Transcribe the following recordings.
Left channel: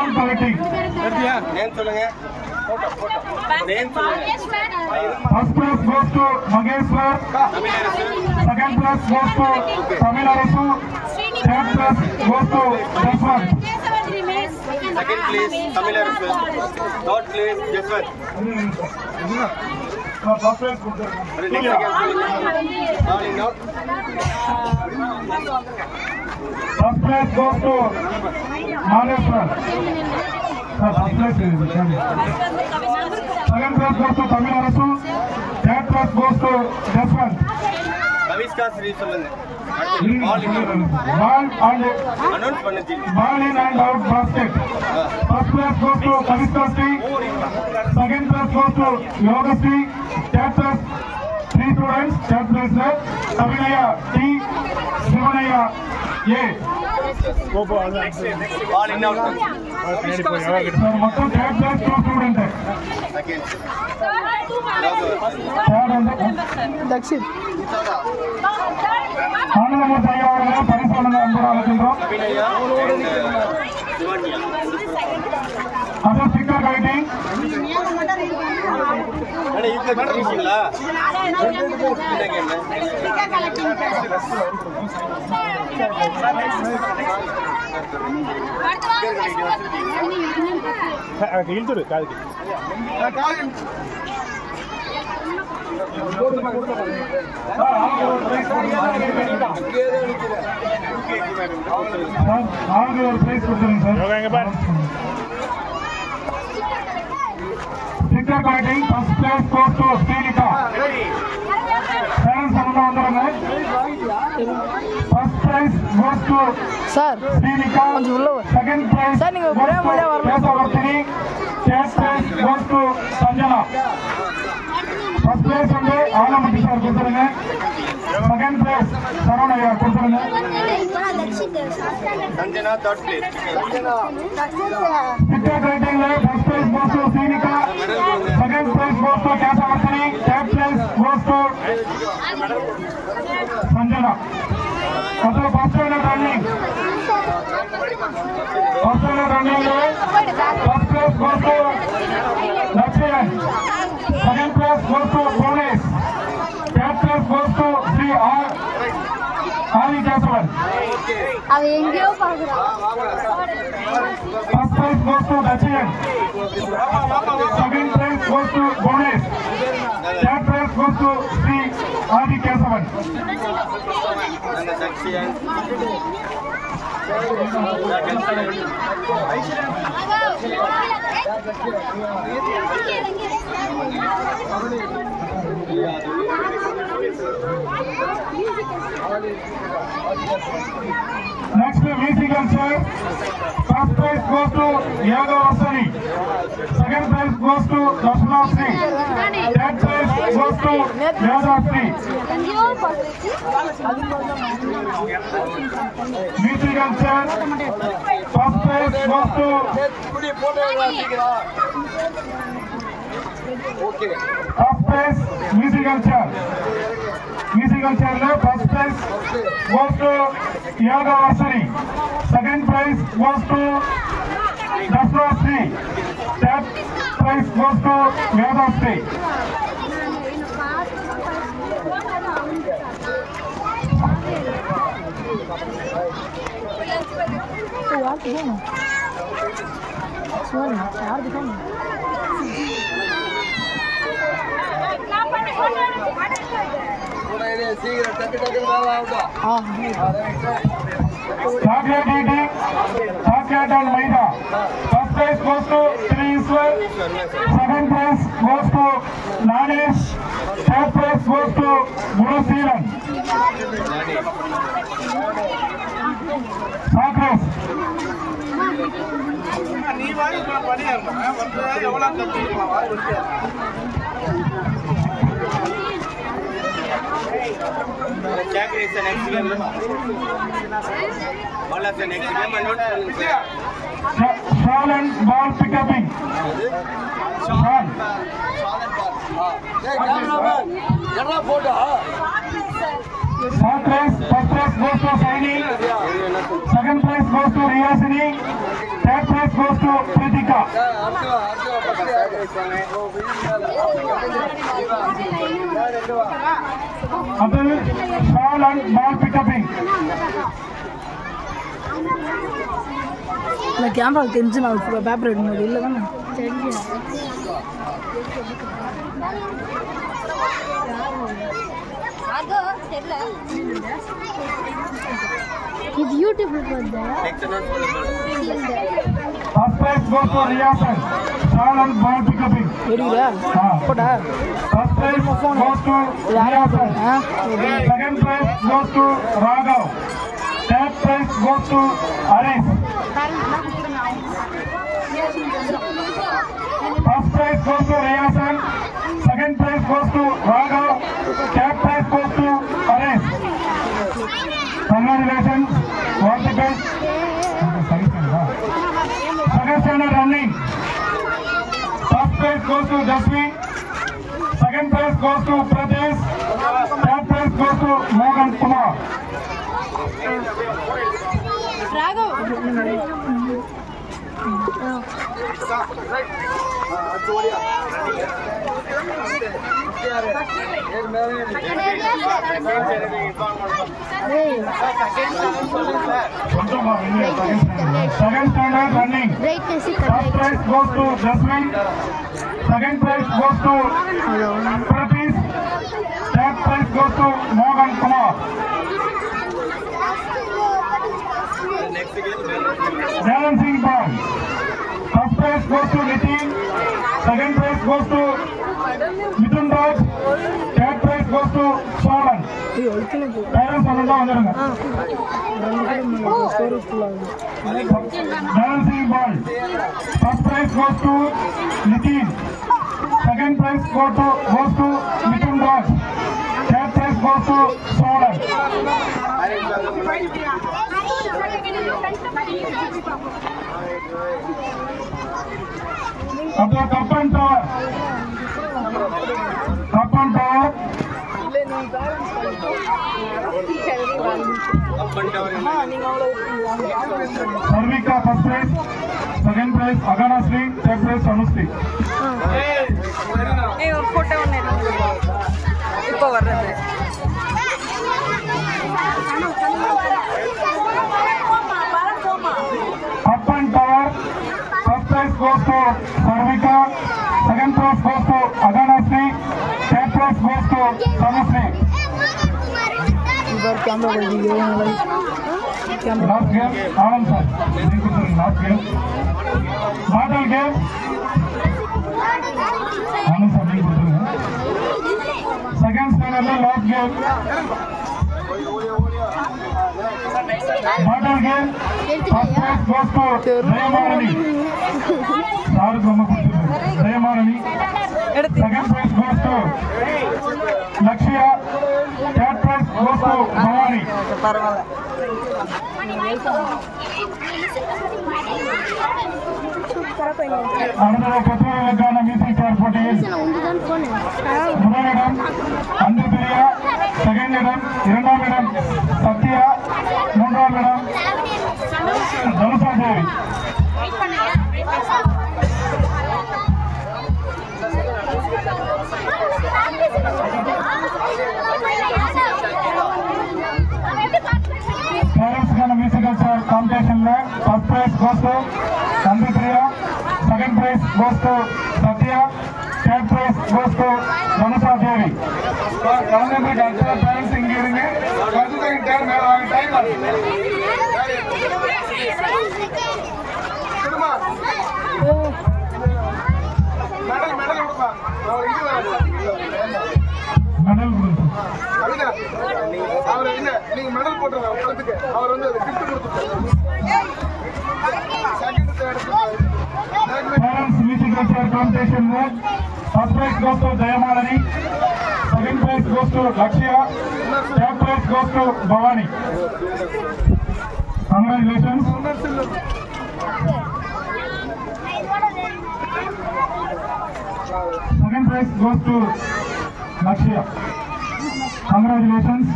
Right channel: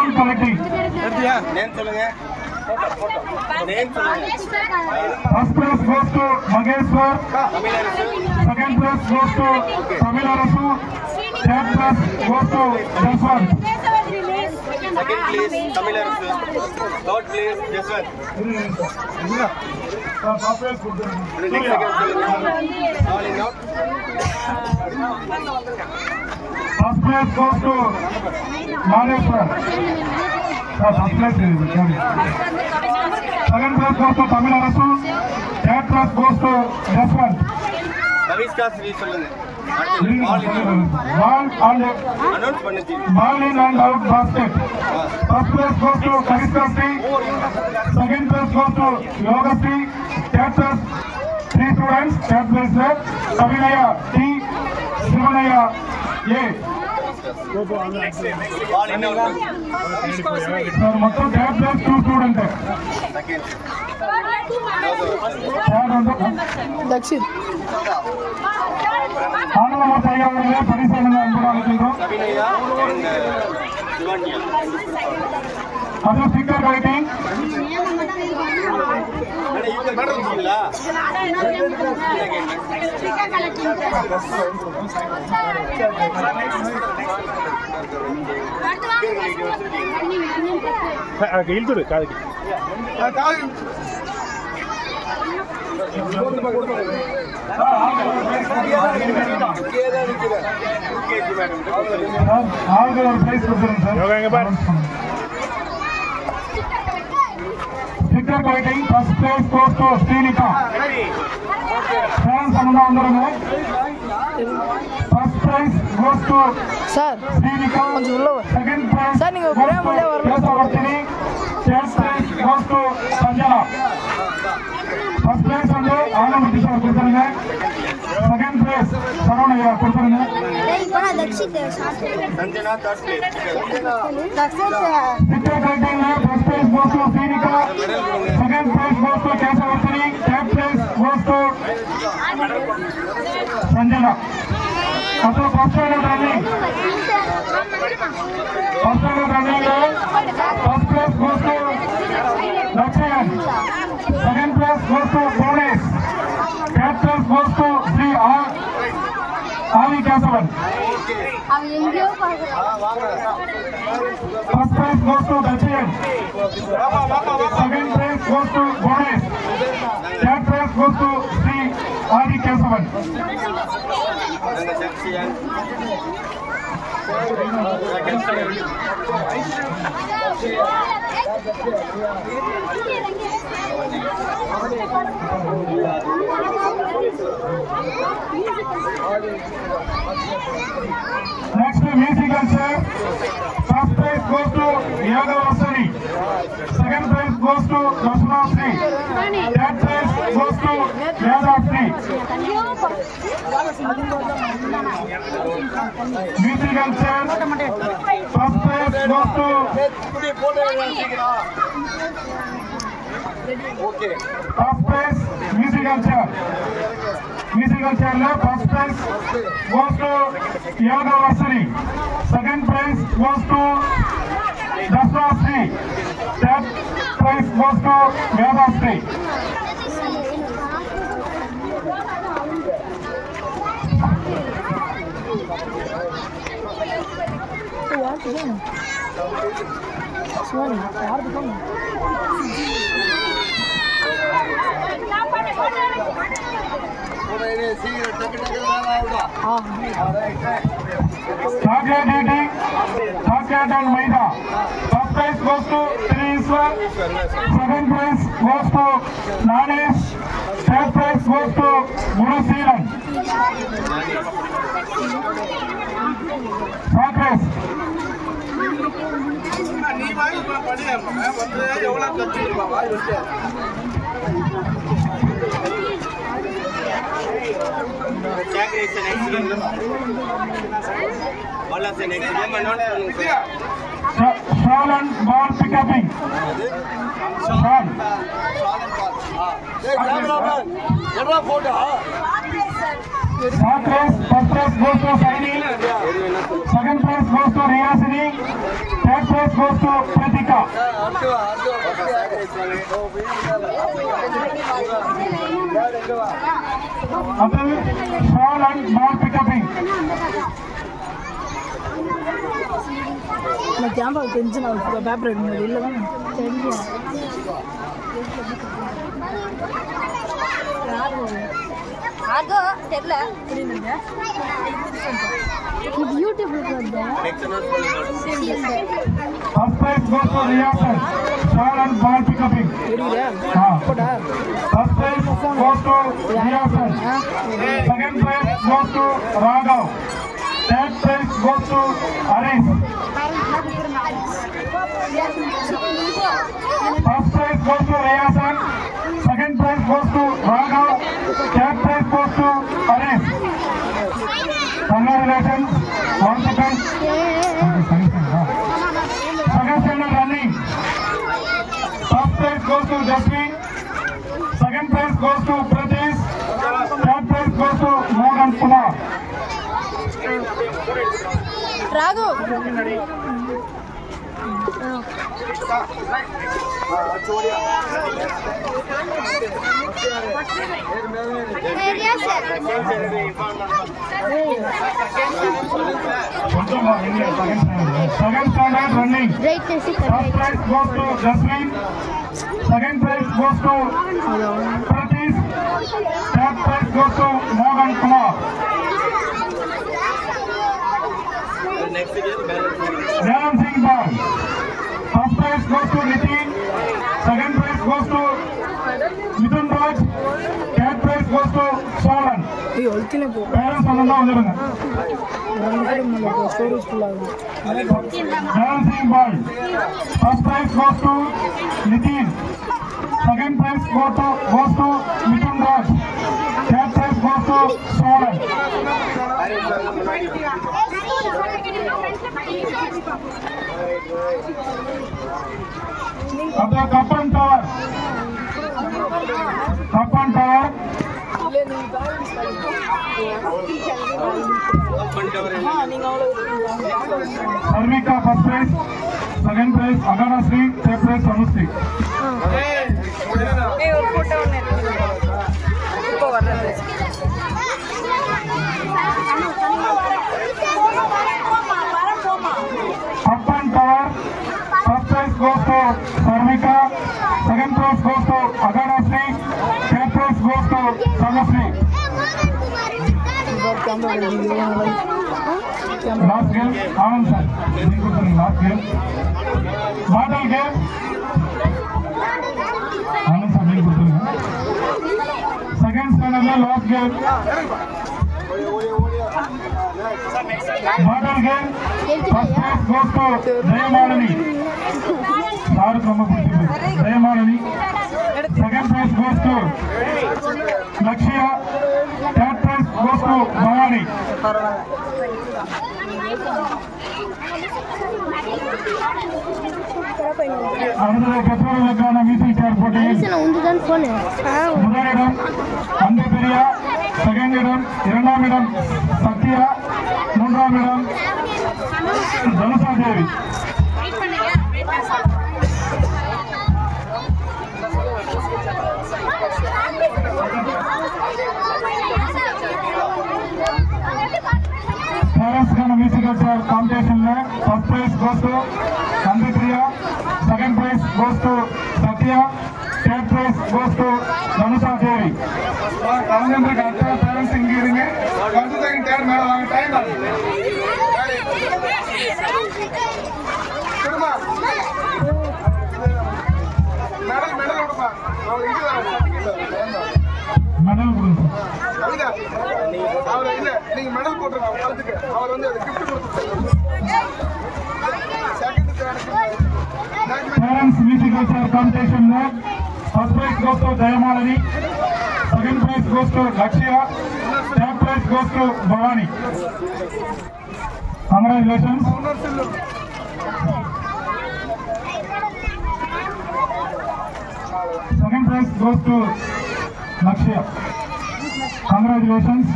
All collecting. Name சொல்லுங்க. Photo. Name சொல்லுங்க. First place goes to Mangeshwar. Second place goes to Tamil Nadu. Third place goes to Jaswant. Second place Tamil Nadu. Third place Jaswant. First place goes to Calling out. First place goes to Mangeshwar. First place is second place goes to Tamil Nadu. Third place goes to Jaswant. Kaviska Sri சொல்லுங்க. Ball in and out basket. First place goes to Kaviska Sri. Second place goes to Yoga Sri. Third place 3 students. Third place Savinaya T. Sivanaya A. Ball in out. Third place 2 students. Second. Dakshit. Anandamurthy ஐயா அவர்கள் பரிசு வழங்க அன்போடு அழைக்கின்றோம். Savinaya and Sivanya. அது sticker collecting. அட இங்க கட்டிட்டீங்களா? இழுத்துடு காதுக்கு. அவங்க ஒரு பிரைஸ் கொடுத்துருங்க sir. Sticker collecting. First prize goes to Srinika. Fans அனுப்ப வந்துருங்க. First prize goes to sir Srinika. கொஞ்சம் உள்ள வா. செகண்ட் பிரைஸ் சார் நீங்க பிரேம் உள்ளே வரல. Third prize goes to Sanjana. First prize வந்து ஆனந்த் கிஷோர் கொடுத்துருங்க. செகண்ட் பிரைஸ் சரவணையா கொடுத்துருங்க. Sanjana third place. Sticker collecting first place goes to Srinika. Second place goes to Kesavasri. Third place goes to Sanjana. Also first place running. First place running. First place goes to Lakshayan. Second place goes to Boris. Third place goes to Sri Adi Kesavan. First prize goes to Dakshin. Second prize goes to Boris. Third prize goes to Sri Adi Kesavan. Next musical sir. First prize goes to Yaga Vasari. Second prize goes to Dasna Sri. Third prize goes to Yada Sri. Musical sir. First prize goes to Okay. first prize musical chair. Musical chair le first prize goes to Yaga Vasari. Second prize goes to Dasna Sri. Third prize goes to Yada Sri. யாருக்கு போகணும்? சிவன் யாருக்கு போகணும்? Chocolate eating, chocolate and maida. First prize goes to Sri Iswar. Second prize goes to Nanesh. Third prize goes to Gunasiran. Chocolate. Chocolate is an excellent. Ball is an excellent. Shalan ball pickupping. Shalan. Third place, first place goes to Saini. Second place goes to Riyasini. Third place prize goes to Kritika. Atul, shawl and ball pickupping. நான் camera தெரிஞ்சு நான் paper எடுக்கணும் இல்லை தானே தெரியும் இது யூடியூப்ல பார்த்தா First prize goes to Riyasan. Shawl and ball pickupping. எடுக்கறியா போடா First prize goes to Riyasan. Second prize goes to Raghav. Third prize goes to Aris. First prize goes to Riyasan. Second prize goes to Raghav. Third prize goes to Aris. Congratulations. Once again. Second standard running. First prize goes to Dashmi. Second prize goes to Pradesh. Third prize goes to Mohan Kumar. Raghav Second standard running. Right deci First prize goes to Dashmi. Second prize goes to Pradesh. Third prize goes to Mohan Kumar. Balancing ball. First prize goes to Nitin. Second prize goes to Mithun Raj. Third prize goes to Solan. ஐயோ ஒழுக்கினே போ Parents all வந்துருங்க. Storage full ஆகும் Balancing ball. First prize goes to Nitin. Second prize goes to Mithun Raj. Third prize goes to Solan. Abdul Kapan Tower. Kapan Tower. Sarvika first prize. Second prize Agana Sri. Third prize Anusri. Kapan Tower. First prize goes to Sarvika. Second prize goes to Agana Sri. Third prize goes to Anusri. இவர் camera கொடுக்குது camera Last game, Anand sir. Last game. Model game. Anand sir make கொடுத்துருங்க. Second standard last game. Model game. First prize goes to Jayamani. Sir நம்ம கொடுத்துருங்க. Jayamani. Second prize goes to Lakshya. Third prize goes to Bhavani. அடுத்த பெற்றோர்களுக்கான மீசல் சேர் போட்டியில் உந்துதான் போனு முதலிடம் அந்திபிரியா, second இடம், இரண்டாம் இடம் சத்யா, மூன்றாம் இடம் தனுஷா தேவி. பேரண்ட்ஸ்க்கான மியூசிக்கல் சேர் காம்படிஷன்ல first prize goes to Anthipriya, second prize goes to Sathya, third prize goes to Dhanusha Devi. கலந்துருக்கு அத்தனை பேரண்ட்ஸ் இங்க இருங்க. கலந்துக்கு டைம் கொடுமா மெடல் கொடுப்பா. அவர் இங்க வர சர்டிபிகேட் மெடல் கொடுங்க. கவிதா அவர் இல்ல நீங்க மெடல் போட்டுருங்க கழுத்துக்கு. அவர் வந்து அது கிஃப்ட் கொடுத்துட்டோம். Second third Parents musical chair competition में first prize goes to Jayamani, second prize goes to Lakshya, third prize goes to Bhavani. Congratulations. Second prize goes to Lakshya. Congratulations.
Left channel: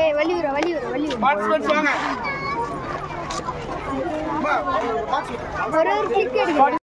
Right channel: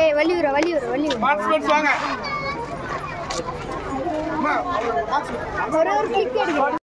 ஏய் வலியுற பார்ட்டிசிபென்ட்ஸ் வாங்க ஒரு click எடுங்க